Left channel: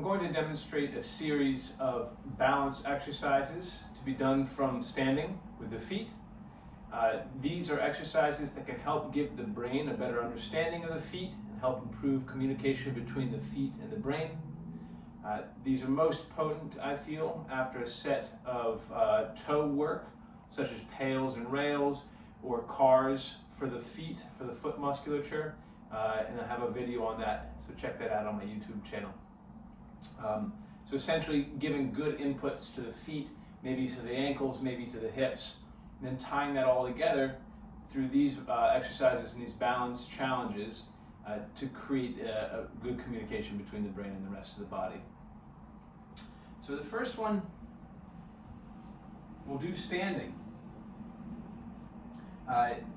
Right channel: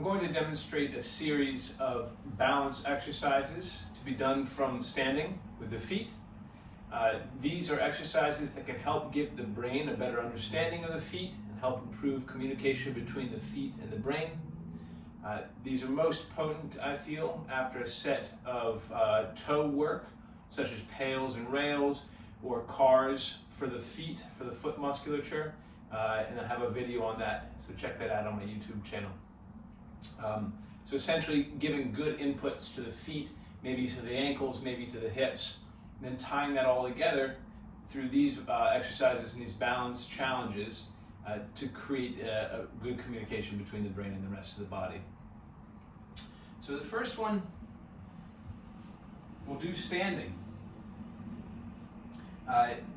I'm going to demonstrate a series of balance exercises to be done from standing with the feet. These are exercises that can help give the brain a better understanding of the feet and help improve communication between the feet and the brain. These are most potent, I feel, after a set of toe work, such as pails and rails or cars for the feet, for the foot musculature. And I have a video on that, so check that out on my YouTube channel. So essentially giving good inputs to the feet, maybe to the ankles, maybe to the hips, and then tying that all together through these exercises and these balance challenges to create a good communication between the brain and the rest of the body. So the first one, we'll do standing.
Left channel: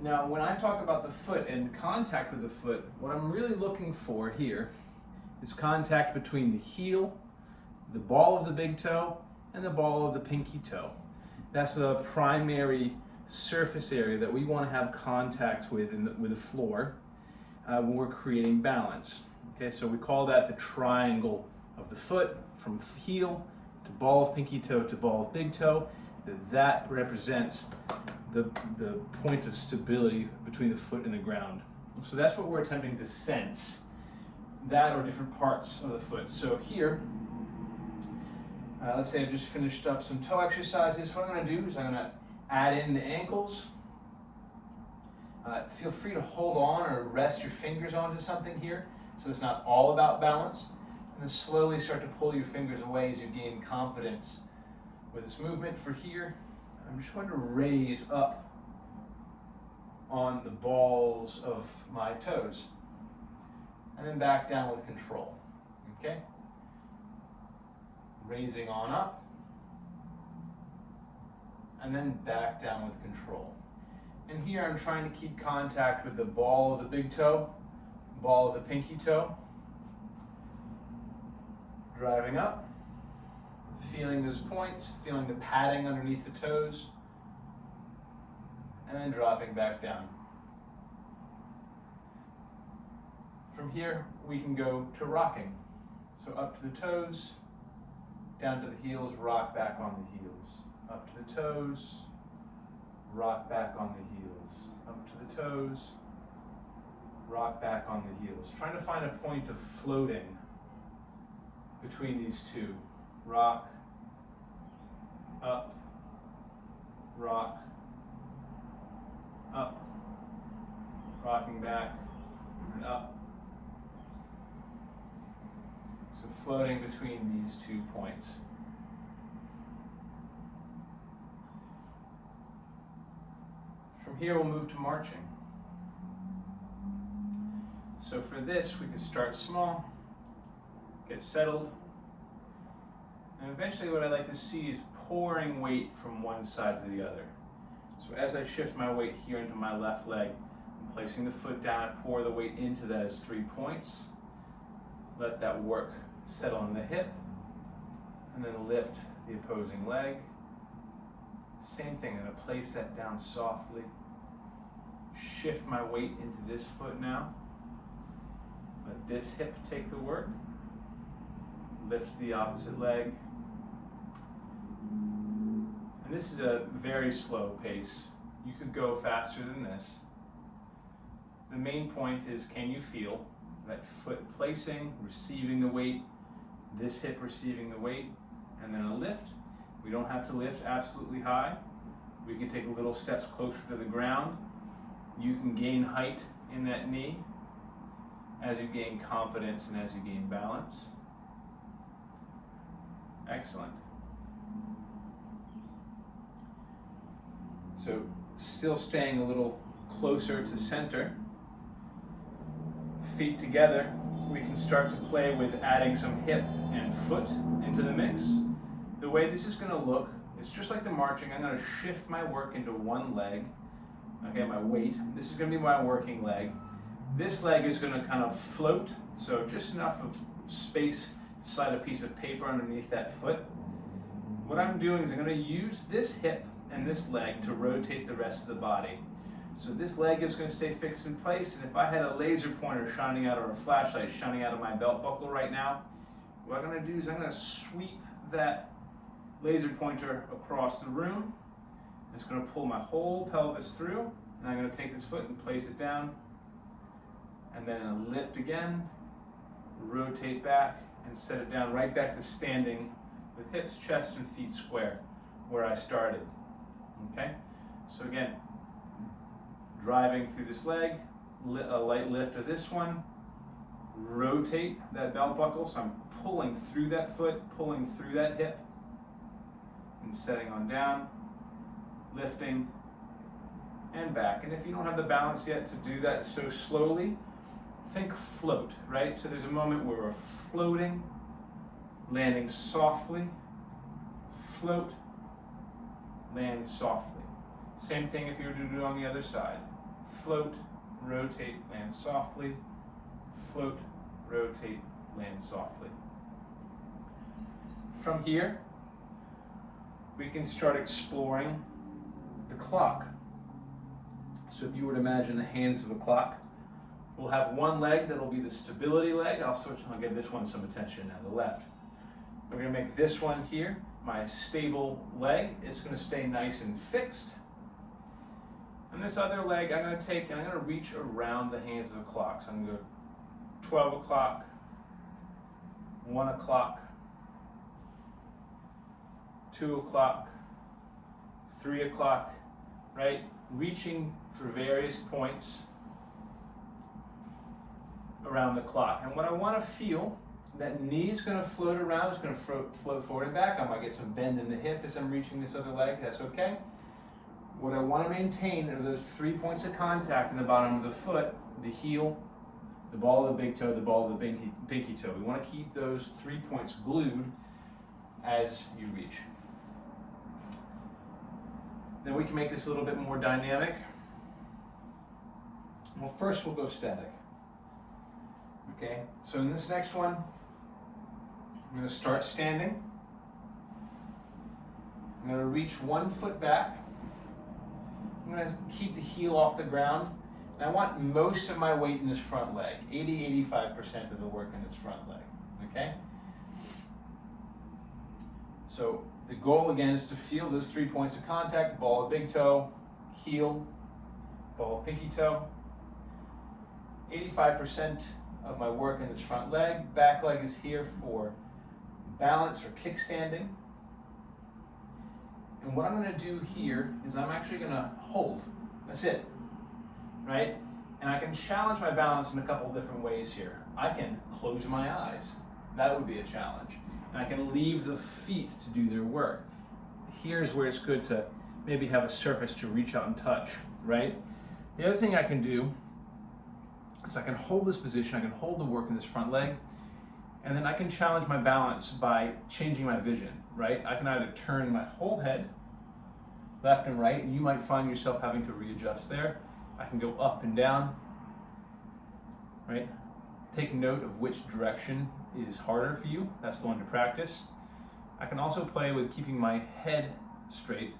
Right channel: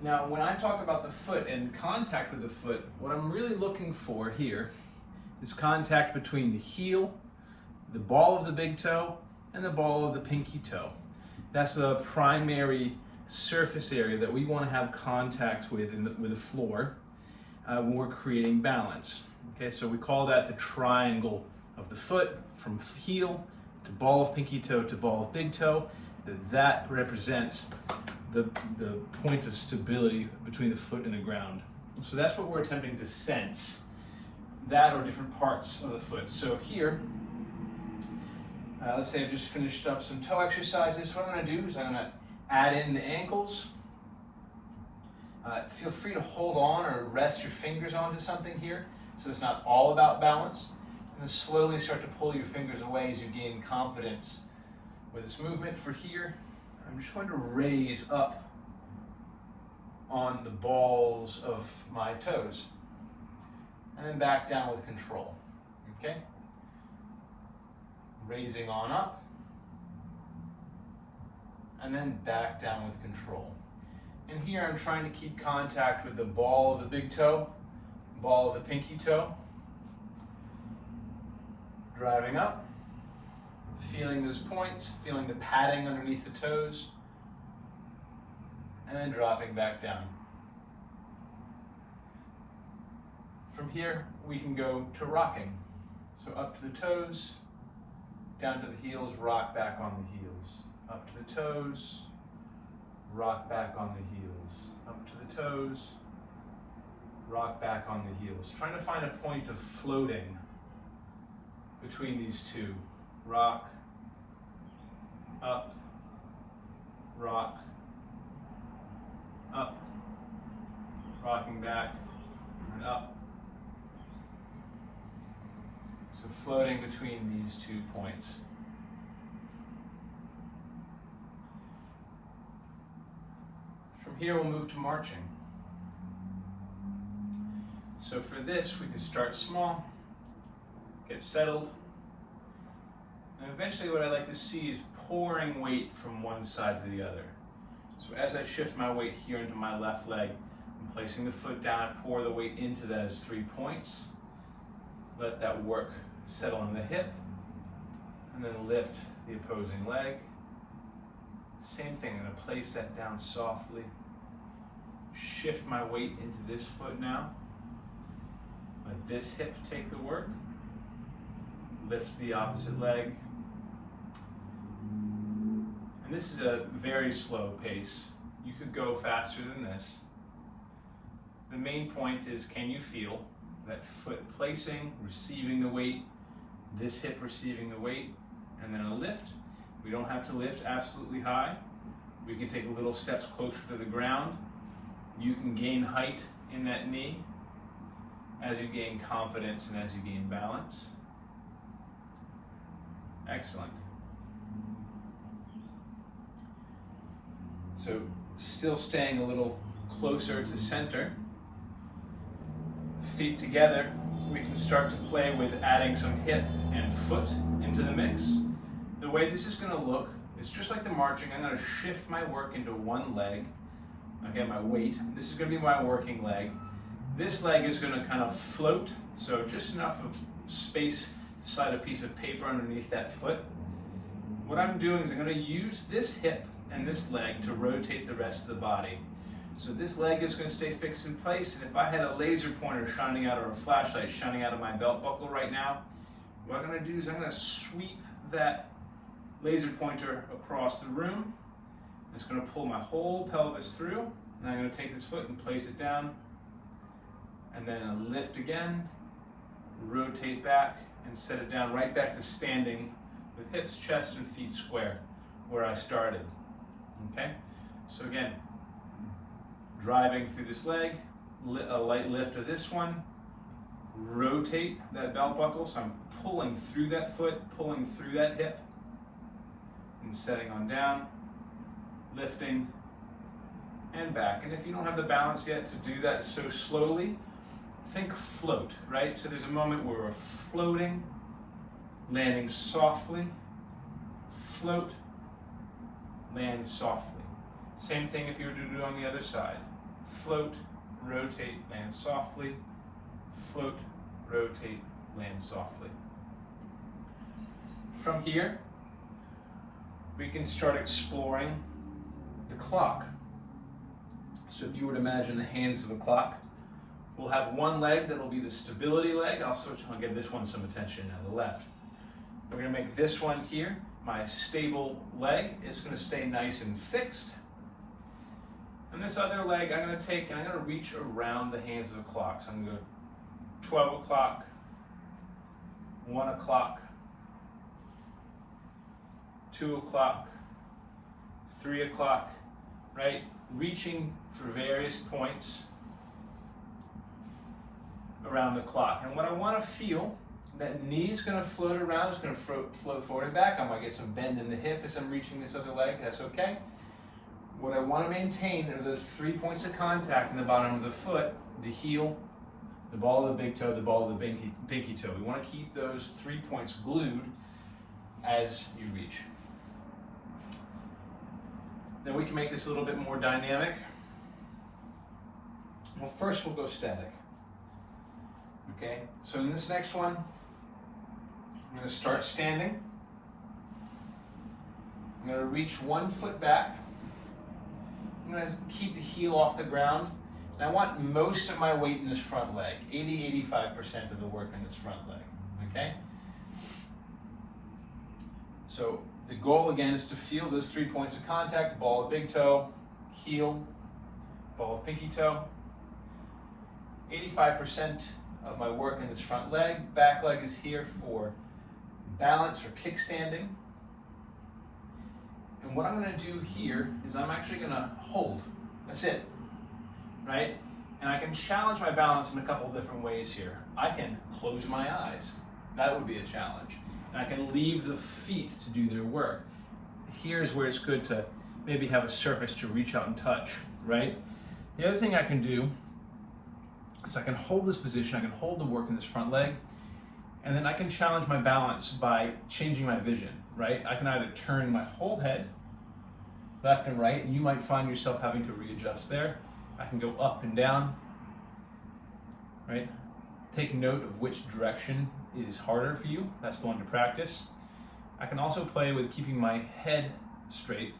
Now, when I talk about the foot and contact with the foot, what I'm really looking for here is contact between the heel, the ball of the big toe, and the ball of the pinky toe. That's the primary surface area that we want to have contact with with the floor when we're creating balance. Okay, so we call that the triangle of the foot, from heel to ball of pinky toe to ball of big toe. That represents the point of stability between the foot and the ground. So that's what we're attempting to sense, that or different parts of the foot. So here, let's say I've just finished up some toe exercises. What I'm going to do is I'm going to add in the ankles. Feel free to hold on or rest your fingers onto something here, so it's not all about balance. And then slowly start to pull your fingers away as you gain confidence with this movement. For here, I'm just going to raise up on the balls of my toes and then back down with control. Okay? Raising on up and then back down with control. And here I'm trying to keep contact with the ball of the big toe, ball of the pinky toe. Driving up, feeling those points, feeling the padding underneath the toes, and then dropping back down. From here, we can go to rocking. So up to the toes, down to the heels, rock back on the heels. Up to the toes, rock back on the heels. Up to the toes, rock back on the heels. Trying to find a point of floating between these two. Rock, up, rock, up, rocking back, and up. So floating between these 2 points. From here we'll move to marching. So for this we can start small, get settled, and eventually what I like to see is pouring weight from one side to the other. So as I shift my weight here into my left leg, I'm placing the foot down, I pour the weight into those 3 points, let that work settle in the hip, and then lift the opposing leg. Same thing, I'm going to place that down softly, shift my weight into this foot now, let this hip take the work, lift the opposite leg. And this is a very slow pace. You could go faster than this. The main point is, can you feel that foot placing, receiving the weight, this hip receiving the weight, and then a lift. We don't have to lift absolutely high. We can take little steps closer to the ground. You can gain height in that knee as you gain confidence and as you gain balance. Excellent. So still staying a little closer to center. Feet together, we can start to play with adding some hip and foot into the mix. The way this is going to look is just like the marching. I'm going to shift my work into one leg. Okay, my weight. This is going to be my working leg. This leg is going to kind of float, so just enough of space to slide a piece of paper underneath that foot. What I'm doing is I'm going to use this hip and this leg to rotate the rest of the body. So this leg is going to stay fixed in place, and if I had a laser pointer shining out or a flashlight shining out of my belt buckle right now, what I'm going to do is I'm going to sweep that laser pointer across the room. It's going to pull my whole pelvis through, and I'm going to take this foot and place it down, and then lift again, rotate back, and set it down right back to standing with hips, chest, and feet square where I started. Okay? So again, driving through this leg, a light lift of this one, rotate that belt buckle, so I'm pulling through that foot, pulling through that hip, and setting on down, lifting, and back. And if you don't have the balance yet to do that so slowly, think float, right? So there's a moment where we're floating, landing softly, float, land softly. Same thing if you were to do it on the other side. Float, rotate, land softly, float, rotate, land softly. From here, we can start exploring the clock. So if you were to imagine the hands of a clock, we'll have one leg that'll be the stability leg. I'll give this one some attention now, the left. We're going to make this one here my stable leg. It's going to stay nice and fixed. And this other leg I'm going to take and I'm going to reach around the hands of the clock. So I'm going to go 12 o'clock, 1 o'clock, 2 o'clock, 3 o'clock, right? Reaching for various points around the clock. And what I want to feel, that knee is going to float around, it's going to float forward and back. I might get some bend in the hip as I'm reaching this other leg, that's okay. What I want to maintain are those 3 points of contact in the bottom of the foot, the heel, the ball of the big toe, the ball of the pinky toe. We want to keep those 3 points glued as you reach. Then we can make this a little bit more dynamic. Well, first we'll go static. Okay, so in this next one, I'm going to start standing. I'm going to reach 1 foot back. I'm going to keep the heel off the ground. And I want most of my weight in this front leg, 80-85% of the work in this front leg. Okay? So the goal again is to feel those 3 points of contact, ball of big toe, heel, ball of pinky toe. 85% of my work in this front leg. Back leg is here for balance or kickstanding. And what I'm going to do here is I'm actually going to hold. That's it, right? And I can challenge my balance in a couple of different ways here. I can close my eyes. That would be a challenge. And I can leave the feet to do their work. Here's where it's good to maybe have a surface to reach out and touch, right? The other thing I can do is I can hold this position, I can hold the work in this front leg, and then I can challenge my balance by changing my vision, right? I can either turn my whole head left and right, and you might find yourself having to readjust there. I can go up and down, right? Take note of which direction is harder for you. That's the one to practice. I can also play with keeping my head straight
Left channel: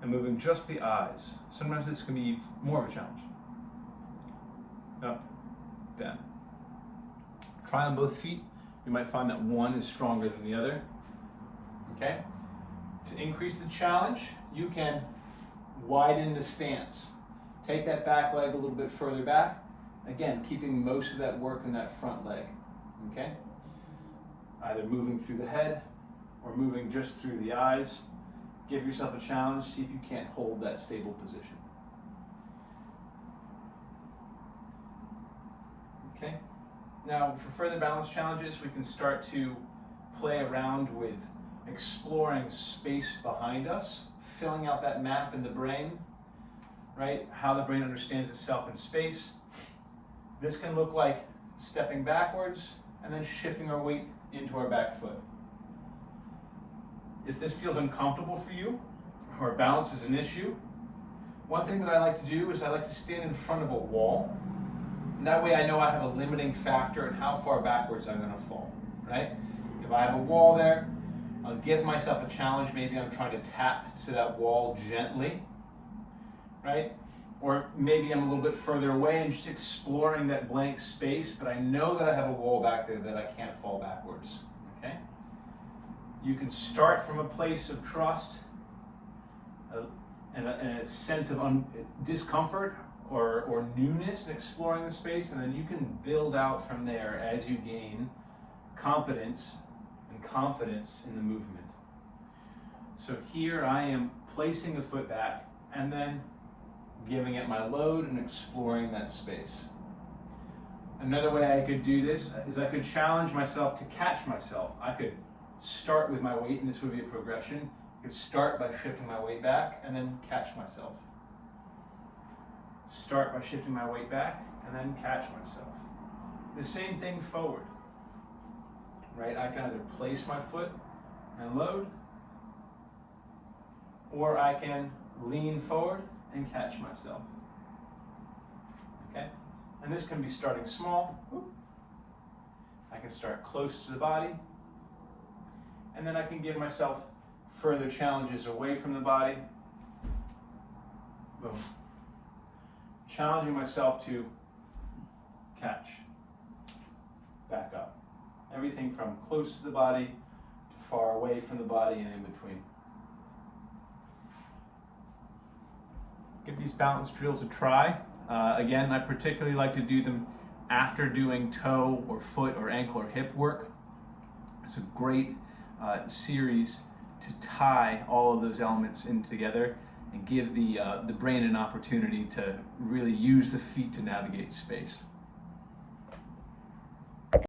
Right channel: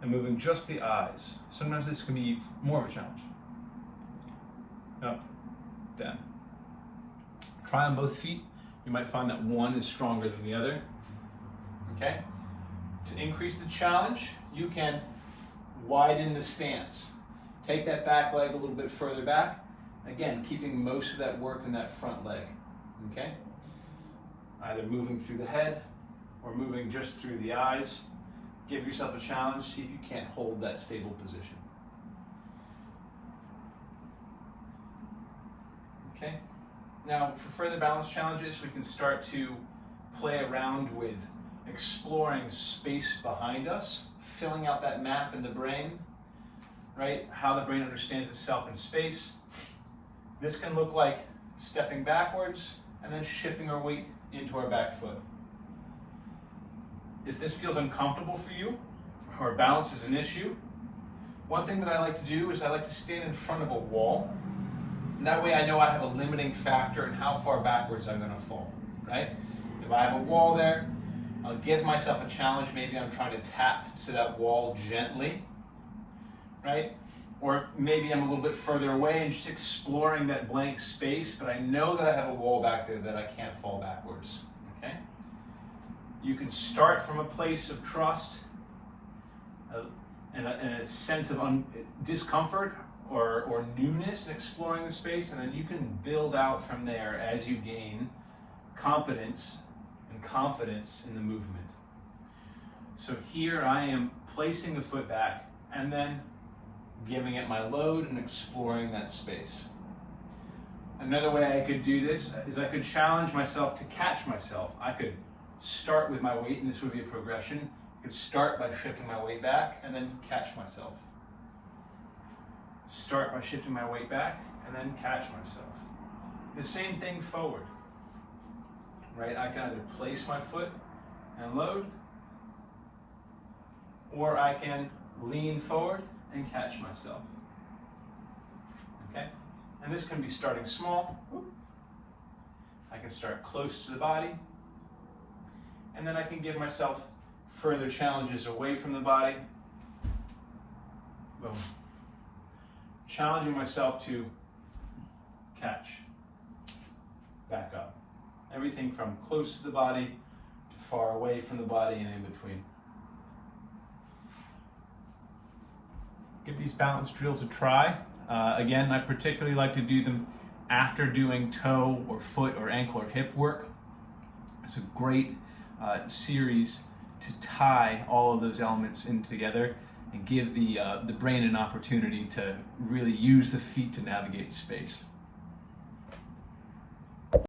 and moving just the eyes. Sometimes this can be more of a challenge. Up, down. Try on both feet. You might find that one is stronger than the other. Okay? To increase the challenge, you can widen the stance. Take that back leg a little bit further back. Again, keeping most of that work in that front leg. Okay? Either moving through the head or moving just through the eyes. Give yourself a challenge. See if you can't hold that stable position. Okay. Now, for further balance challenges, we can start to play around with exploring space behind us, filling out that map in the brain, right? How the brain understands itself in space. This can look like stepping backwards and then shifting our weight into our back foot. If this feels uncomfortable for you, or balance is an issue, one thing that I like to do is I like to stand in front of a wall. And that way I know I have a limiting factor in how far backwards I'm going to fall, right? If I have a wall there, I'll give myself a challenge. Maybe I'm trying to tap to that wall gently, right? Or maybe I'm a little bit further away and just exploring that blank space, but I know that I have a wall back there that I can't fall backwards, You can start from a place of trust and a sense of discomfort or newness in exploring the space, and then you can build out from there as you gain competence and confidence in the movement. So here I am placing the foot back and then giving it my load and exploring that space. Another way I could do this is I could challenge myself to catch myself. I could start with my weight, and this would be a progression. I could start by shifting my weight back and then catch myself. Start by shifting my weight back and then catch myself. The same thing forward, right? I can either place my foot and load, or I can lean forward and catch myself. Okay? And this can be starting small. I can start close to the body, and then I can give myself further challenges away from the body. Boom. Challenging myself to catch, back up. Everything from close to the body to far away from the body and in between. Give these balance drills a try. Again, I particularly like to do them after doing toe or foot or ankle or hip work. It's a great series to tie all of those elements in together and give the brain an opportunity to really use the feet to navigate space.